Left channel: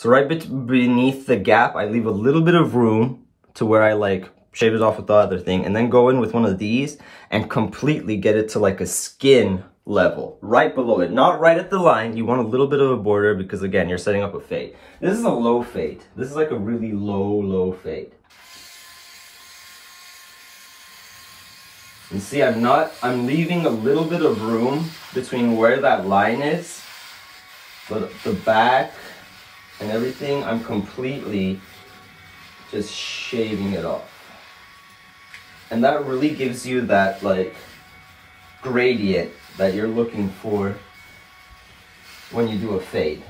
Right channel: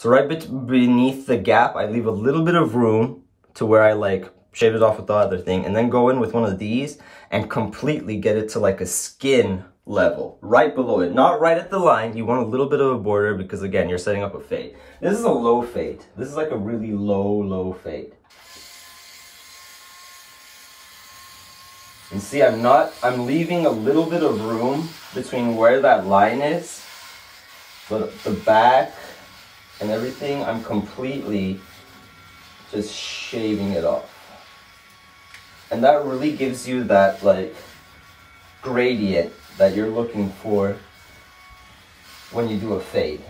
So right beneath the gap, I leave a little bit of room to where I like shave it off with the other thing, and then go in with one of these and completely get it to like a skin level, right below it. Not right at the line. You want a little bit of a border because again, you're setting up a fade. This is a low fade. This is like a really low fade. And see, I'm leaving a little bit of room between where that line is, but the back and everything, I'm completely just shaving it off. And that really gives you that like gradient that you're looking for when you do a fade.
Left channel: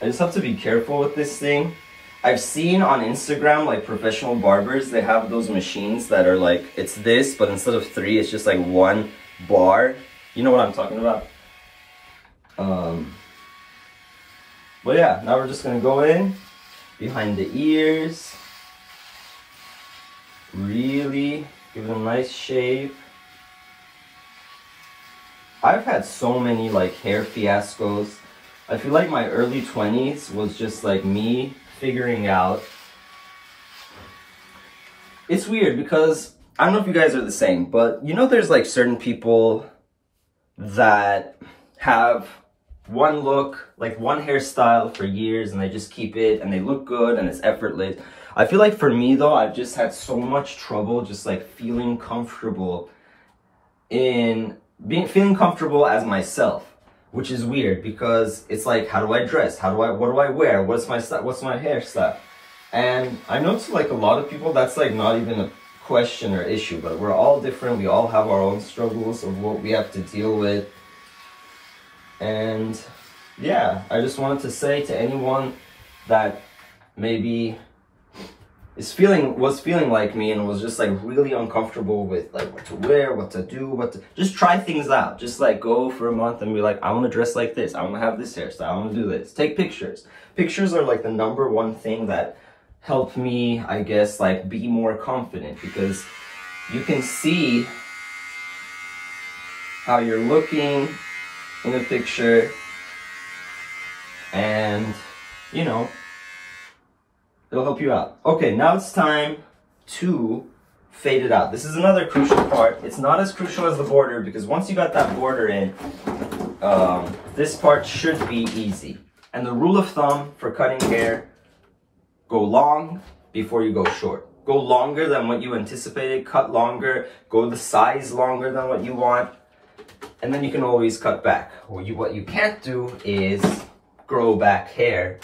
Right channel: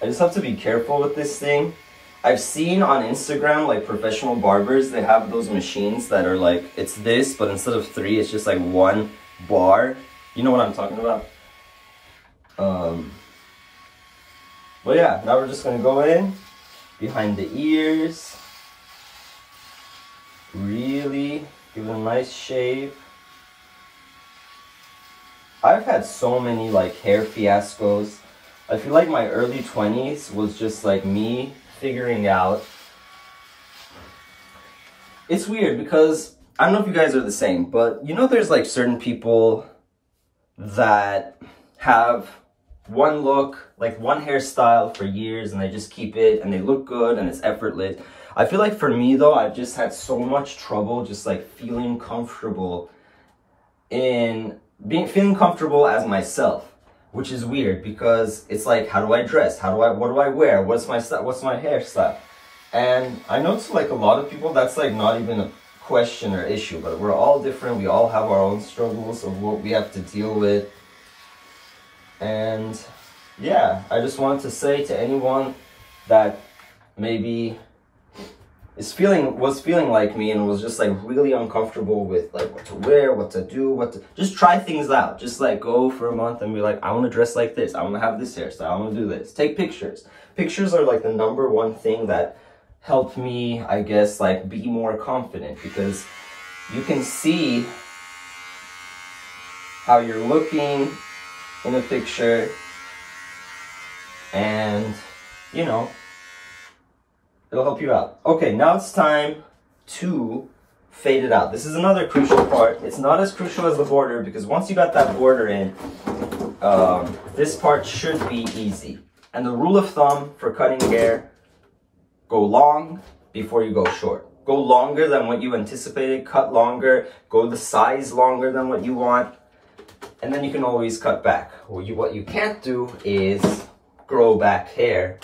I just have to be careful with this thing. I've seen on Instagram, like professional barbers, they have those machines that are like, it's this, but instead of 3, it's just like 1 bar. You know what I'm talking about? But yeah, now we're just gonna go in behind the ears. Really give it a nice shape. I've had so many like hair fiascos. I feel like my early 20s was just like me figuring out. It's weird because I don't know if you guys are the same, but you know there's like certain people that have one look, like one hairstyle for years, and they just keep it and they look good and it's effortless. I feel like for me though, I've just had so much trouble just like feeling comfortable in feeling comfortable as myself, which is weird because it's like, how do I dress? What do I wear? What's my hairstyle? And I know to like a lot of people, that's like not even a question or issue, but we're all different. We all have our own struggles of what we have to deal with. And yeah, I just wanted to say to anyone that maybe was feeling like me and was just like really uncomfortable with like what to wear, what to do, just try things out. Just like go for a month and be like, I want to dress like this. I want to have this hairstyle. I want to do this. Take pictures. Pictures are like the #1 thing that helped me, I guess, like be more confident, because you can see how you're looking in a picture and, you know, it'll help you out. Okay, now it's time to fade it out. This is another crucial part. It's not as crucial as the border because once you got that border in, this part should be easy. And the rule of thumb for cutting hair, go long before you go short. Go longer than what you anticipated, cut longer, go the size longer than what you want, and then you can always cut back. What you can't do is grow back hair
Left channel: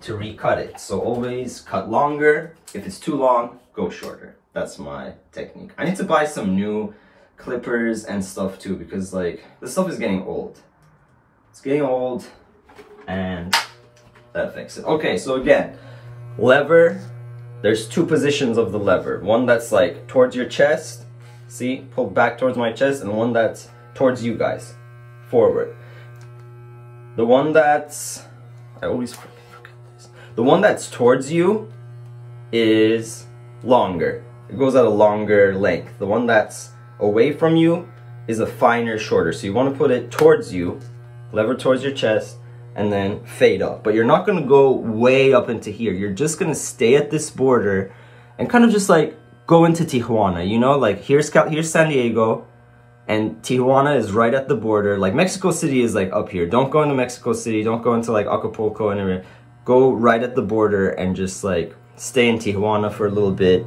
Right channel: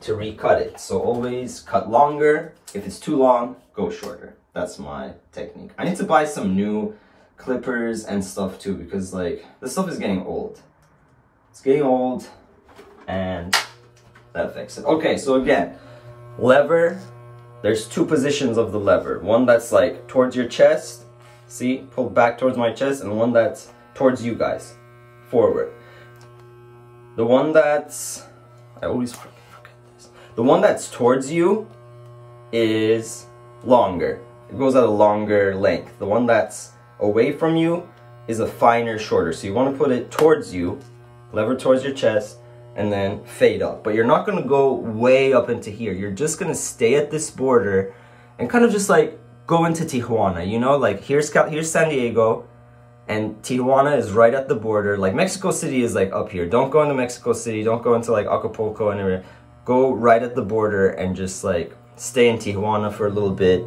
to recut it. So always cut longer. If it's too long, go shorter. That's my technique. I need to buy some new clippers and stuff too, because like this stuff is getting old. It's getting old and that affects it. Okay, so again, lever, there's 2 positions of the lever. One that's like towards your chest, see, pulled back towards my chest, and one that's towards you guys, forward. The one that's, I always forget this. The one that's towards you is longer. It goes at a longer length. The one that's away from you is a finer, shorter. So you want to put it towards you, lever towards your chest, and then fade up. But you're not going to go way up into here. You're just going to stay at this border and kind of just like go into Tijuana, you know? Like here's San Diego, and Tijuana is right at the border. Like Mexico City is like up here. Don't go into Mexico City. Don't go into like Acapulco and everything. Go right at the border and just like stay in Tijuana for a little bit.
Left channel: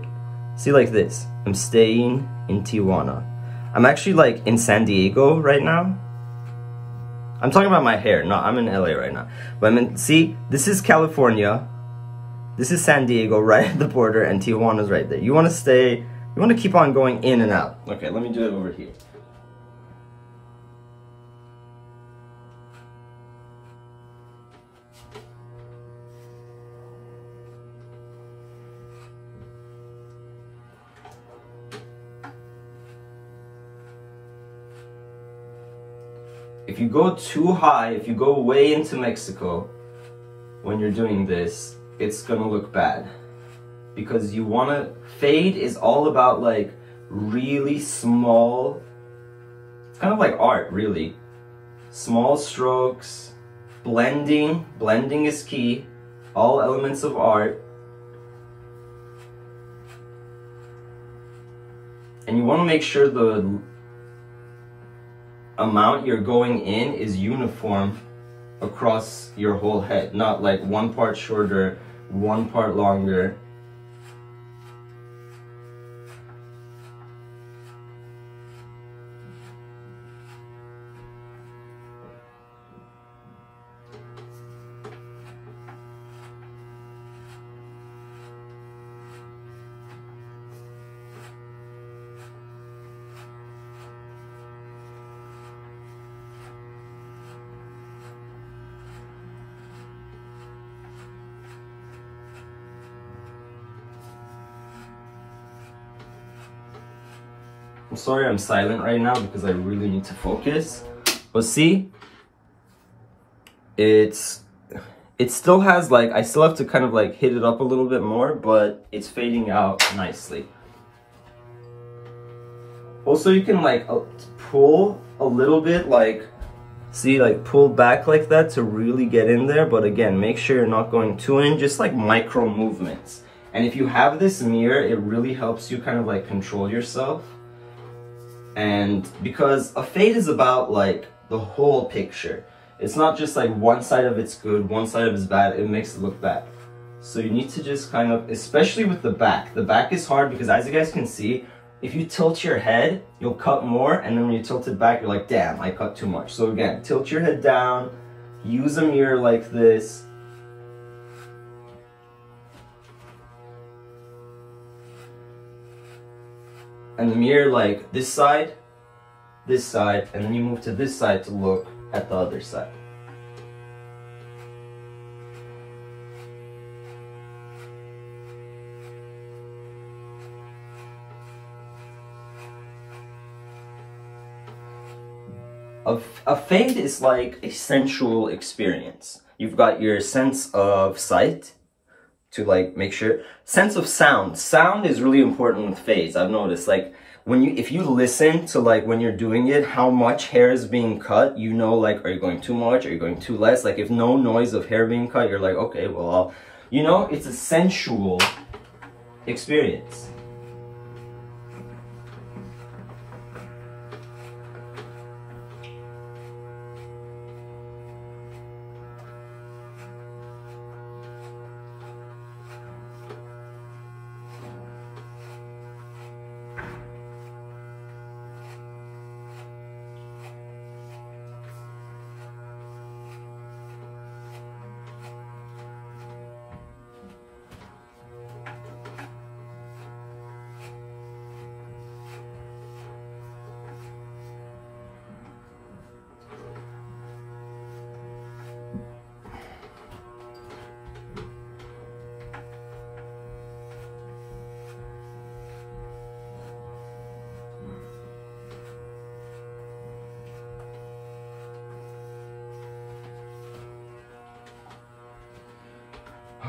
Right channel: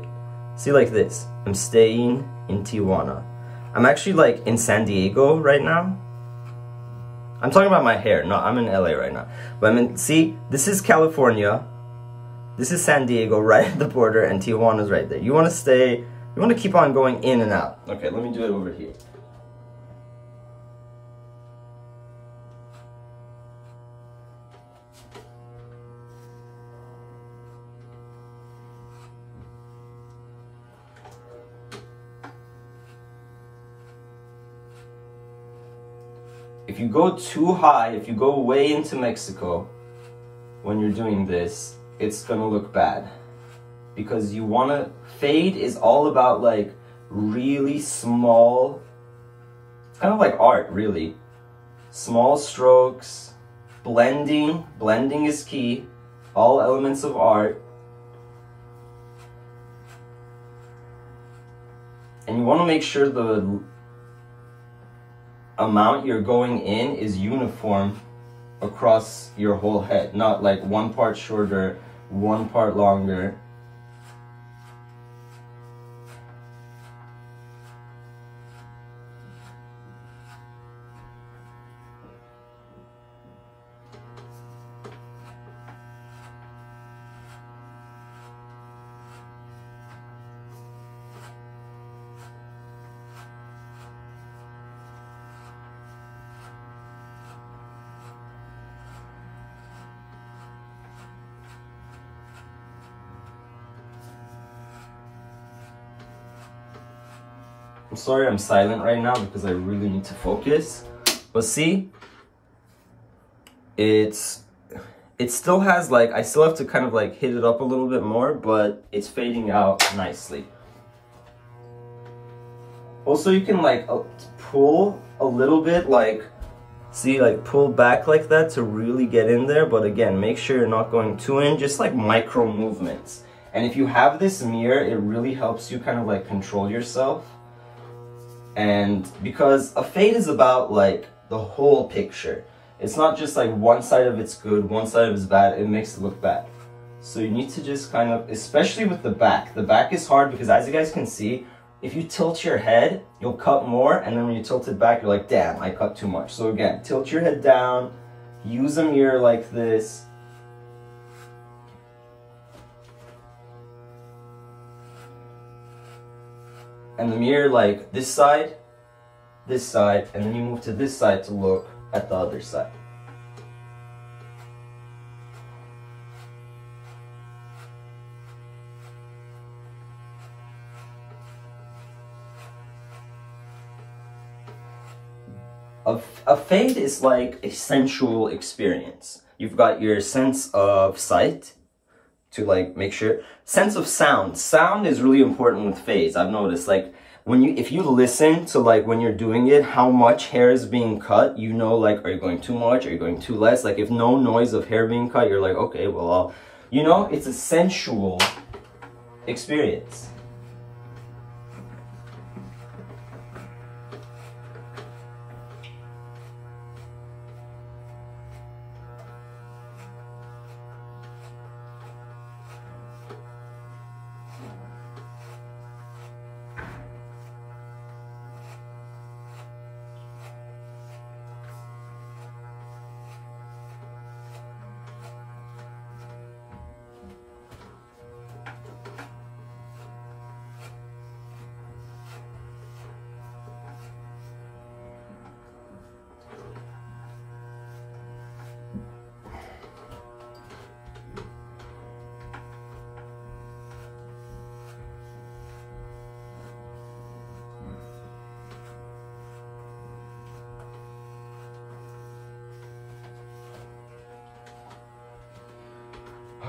See, like this. I'm staying in Tijuana. I'm actually like in San Diego right now. I'm talking about my hair. No, I'm in LA right now. But see, this is California. This is San Diego right at the border, and Tijuana's right there. You want to keep on going in and out. Okay, let me do it over here. If you go too high, if you go way into Mexico when you're doing this, it's gonna look bad. Because you wanna, fade is all about like really small, it's kind of like art really. Small strokes, blending is key. All elements of art. And you want to make sure the amount you're going in is uniform across your whole head, not like one part shorter, one part longer. I'm sorry I'm silent right now because I really need to focus. But see, it still has like, I still have to kind of like hit it up a little bit more, but it's fading out nicely. Also, you can like pull a little bit, like, see, like pull back like that to really get in there. But again, make sure you're not going too in, just like micro movements. And if you have this mirror, it really helps you kind of like control yourself. And because a fade is about like the whole picture. It's not just like one side of it's good, one side of it's bad, it makes it look bad. So you need to just kind of, especially with the back is hard because as you guys can see, if you tilt your head, you'll cut more, and then when you tilt it back, you're like, damn, I cut too much. So again, tilt your head down, use a mirror like this. And the mirror like this side, and then you move to this side to look at the other side. A fade is like a sensual experience. You've got your sense of sight to like make sure, sense of sound. Sound is really important with fades. I've noticed like if you listen to like when you're doing it, how much hair is being cut, you know, like, are you going too much? Are you going too less? Like if no noise of hair being cut, you're like, okay, well, you know, it's a sensual experience.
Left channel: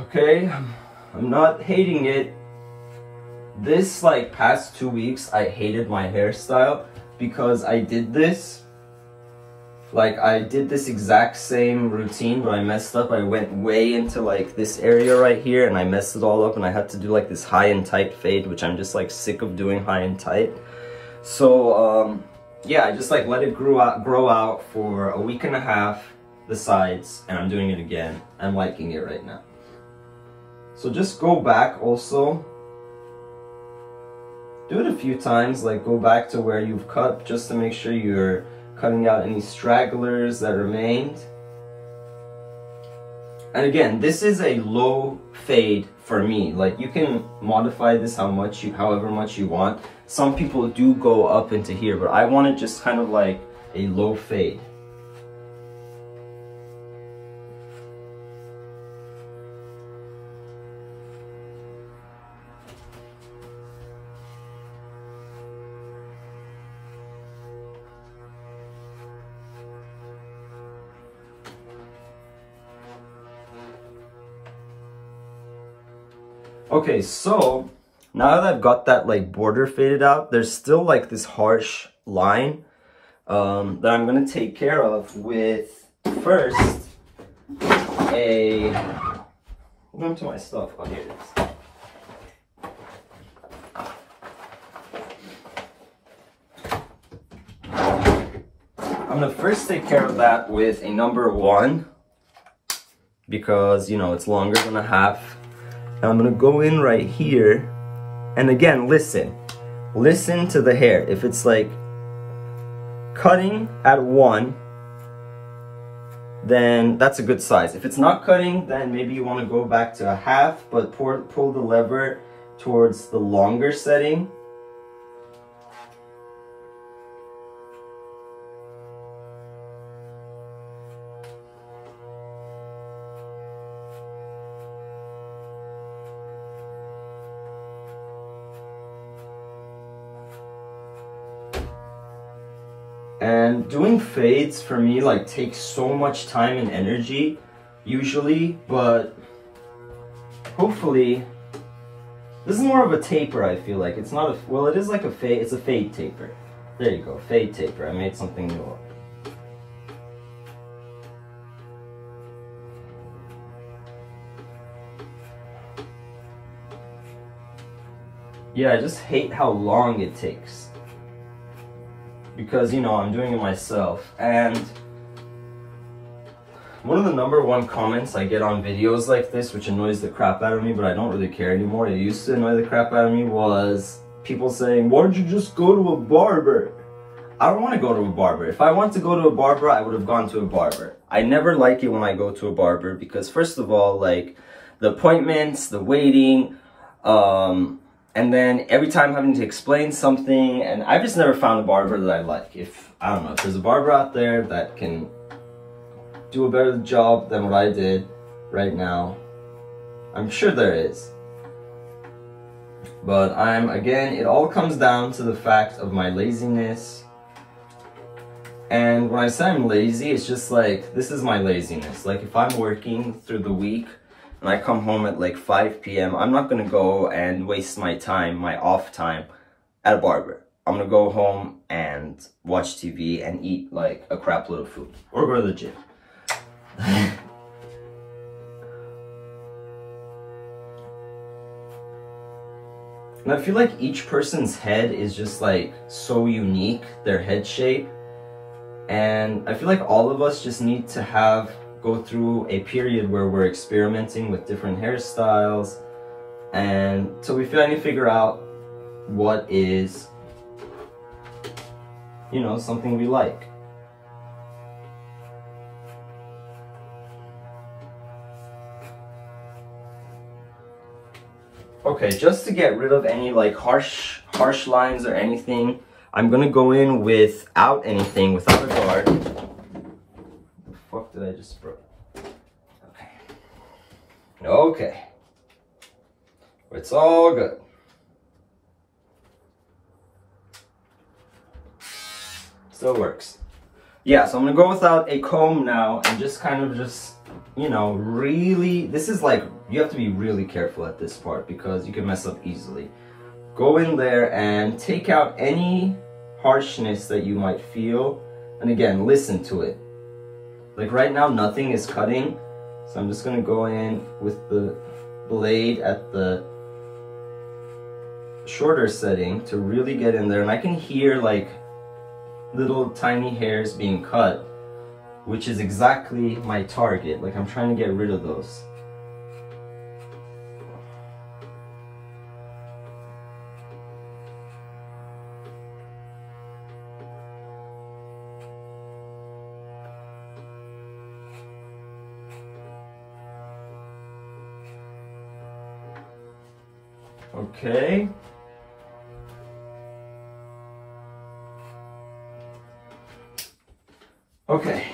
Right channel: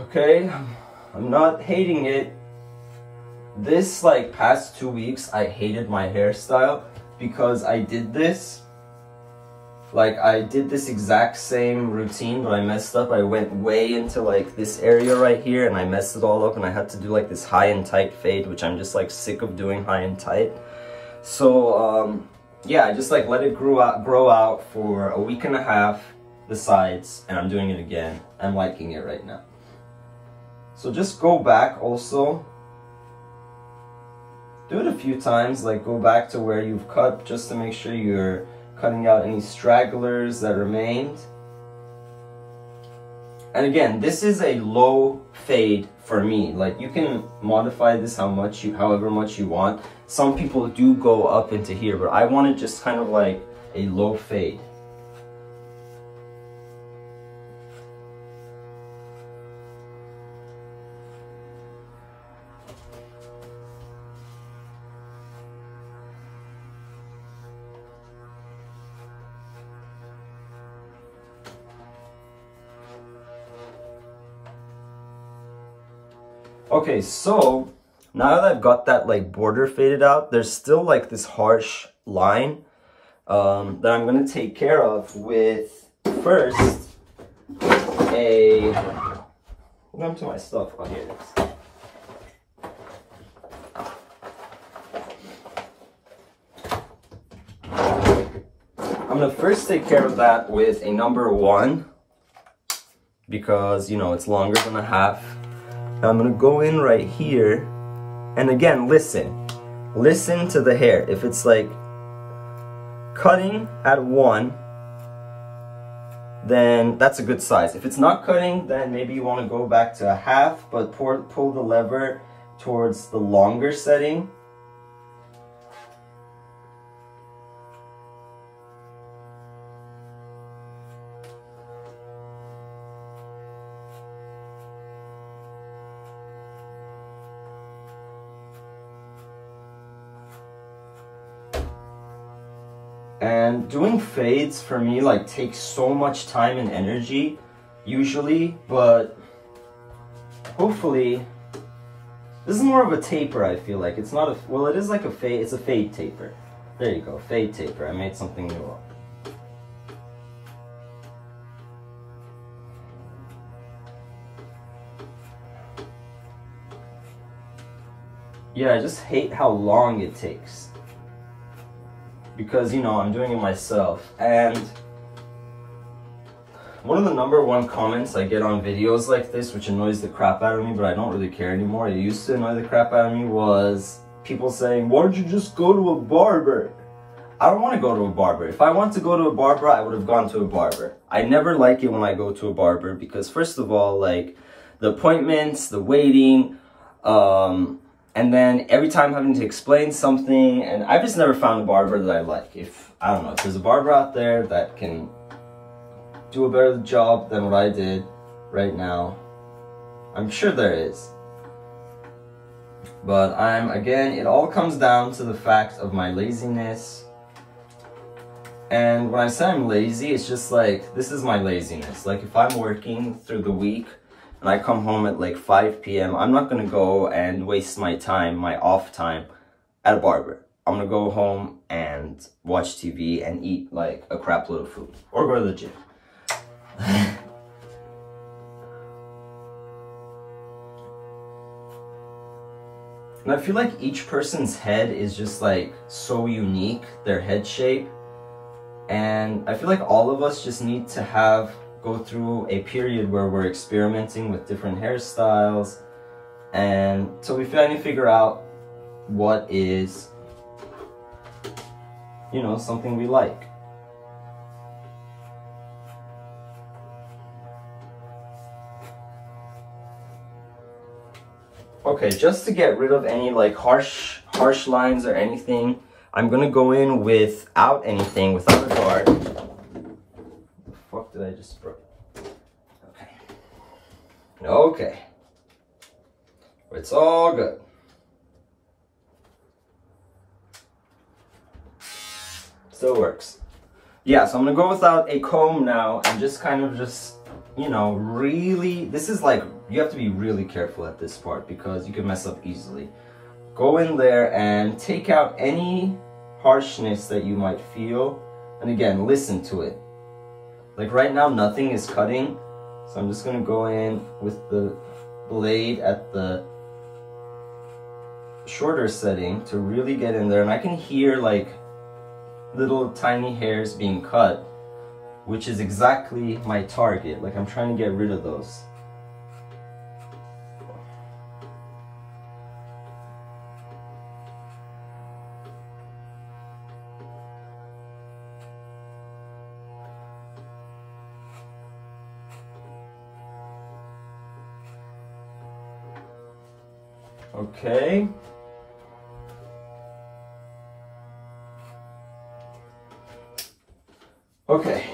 Okay, I'm not hating it. This like past 2 weeks, I hated my hairstyle because I did this. Like I did this exact same routine, but I messed up. I went way into like this area right here and I messed it all up, and I had to do like this high and tight fade, which I'm just like sick of doing high and tight. So yeah, I just like let it grow out for a week and a half, the sides, and I'm doing it again. I'm liking it right now. So just go back also. Do it a few times, like go back to where you've cut just to make sure you're cutting out any stragglers that remained. And again, this is a low fade for me. Like you can modify this however much you want. Some people do go up into here, but I want it just kind of like a low fade. Okay, so now that I've got that like border faded out, there's still like this harsh line that I'm gonna take care of with first Hold on to my stuff. Oh, here it is. I'm gonna first take care of that with a number 1 because, you know, it's longer than a half. And I'm gonna go in right here, and again, listen to the hair. If it's like cutting at 1, then that's a good size. If it's not cutting, then maybe you want to go back to a half, but pull the lever towards the longer setting. And doing fades for me like takes so much time and energy usually, but hopefully this is more of a taper. I feel like it's not a, well, it is like a fade, it's a fade taper. There you go, fade taper. I made something new up. Yeah, I just hate how long it takes. Because, you know, I'm doing it myself. And one of the number 1 comments I get on videos like this, which annoys the crap out of me, but I don't really care anymore, it used to annoy the crap out of me, was people saying, why don't you just go to a barber? I don't want to go to a barber. If I want to go to a barber, I would have gone to a barber. I never like it when I go to a barber because, first of all, like, the appointments, the waiting, and then every time having to explain something, and I've just never found a barber that I like. I don't know, if there's a barber out there that can do a better job than what I did right now, I'm sure there is. But again, it all comes down to the fact of my laziness. And when I say I'm lazy, it's just like, this is my laziness. Like, if I'm working through the week, and I come home at like 5 p.m., I'm not gonna go and waste my time, my off time, at a barber. I'm gonna go home and watch TV and eat like a crap load of food. Or go to the gym. And I feel like each person's head is just like so unique, their head shape. And I feel like all of us just need to go through a period where we're experimenting with different hairstyles, and so we finally figure out what is, you know, something we like. Okay, just to get rid of any like harsh lines or anything, I'm gonna go in without anything, without a guard. What the fuck did I just break? Okay. It's all good. Still works. Yeah, so I'm gonna go without a comb now and just kind of you know, really, this is like, you have to be really careful at this part because you can mess up easily. Go in there and take out any harshness that you might feel. And again, listen to it. Like right now, nothing is cutting. So I'm just gonna go in with the blade at the shorter setting to really get in there. And I can hear like little tiny hairs being cut, which is exactly my target. Like I'm trying to get rid of those. Okay. Okay.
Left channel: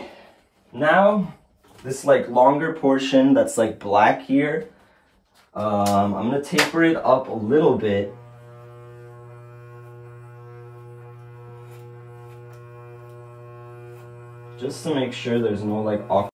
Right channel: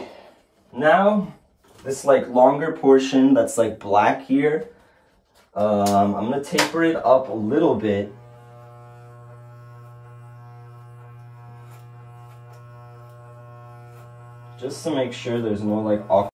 Now, this like longer portion that's like black here, I'm gonna taper it up a little bit. Just to make sure there's no like awkward